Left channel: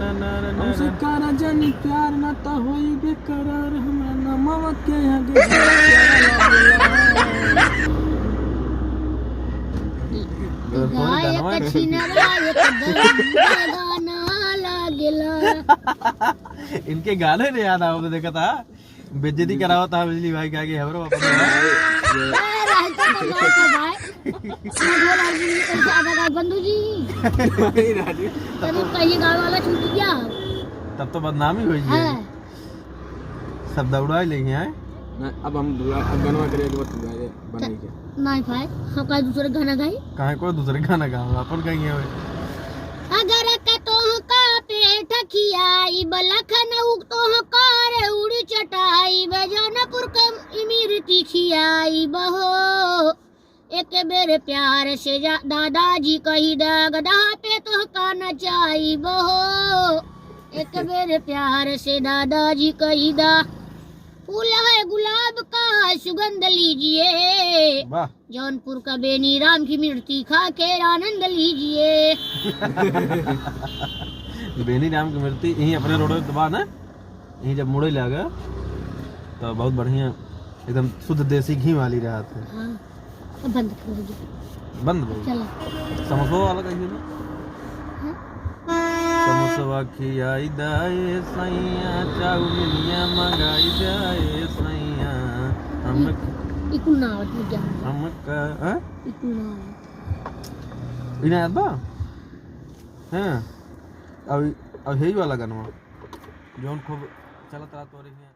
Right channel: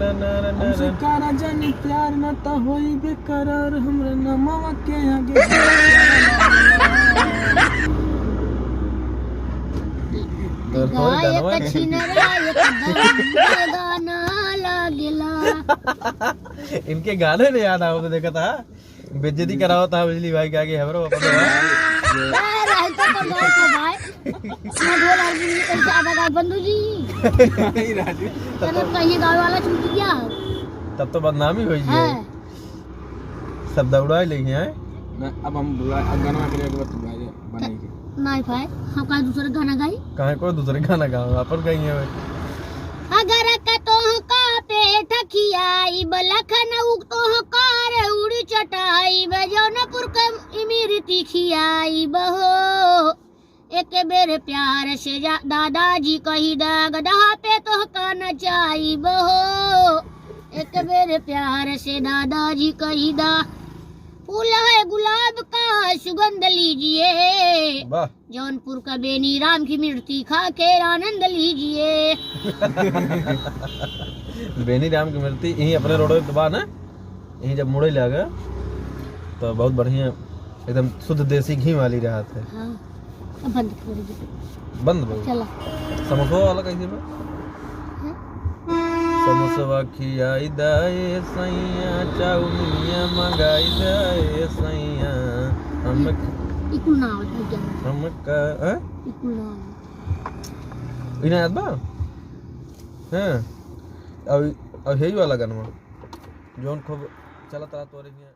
हमसे कारा जानी प्यार ना ता होई बेकरार हमरा नमवा के आगे गायक छिनरा गाना लागला। इनके गाने नहीं याद आओ तो देखा था बेइज्जती कराओ था बिजली भाई के आगे हमरो बंधु जी कहीं गाँव वाला छूट गया तब तो बदनामी हुई है। सब दौड़ा लेंगे हैं अब हम अब गाना करेंगे बनाई के नहीं भाई हम का दूसरे गाना गाई कहीं कोई दूसरे गाना गाओ अपन कहेंगे अगर का तो का पेट खियाई बलखन उग तो कर उड़ी चटाई बजौनपुर का इमरती खियाई बहो एक बेर प्यार से दादाजी कही दा गधा पे तो का नचाई बहो एक बेर प्यार से दादाजी कही दा फूल है गुलाब का सुगंध लीजिए जौनपुर का बेनी राम की मिर्ची खा के आनंद लीजिए। बेनी राम की मिर्ची यही अपने रोड पे दुकान है यही जब मुड़े लगा तो बहुत बढ़िया एकदम शुद्ध देसी घी वाली रहा था। हाँ, बंद कर दो बंद भाई चला समोसा वाला कैसे में समोसा खियाई दाए सैया चाउमिनिया मंगाई जाए सैया हम इकुल ना हो तू जा हम का इकुल ना इना याद बा हैं अब यही वाला गाना जोन खूब चलता तो रही है।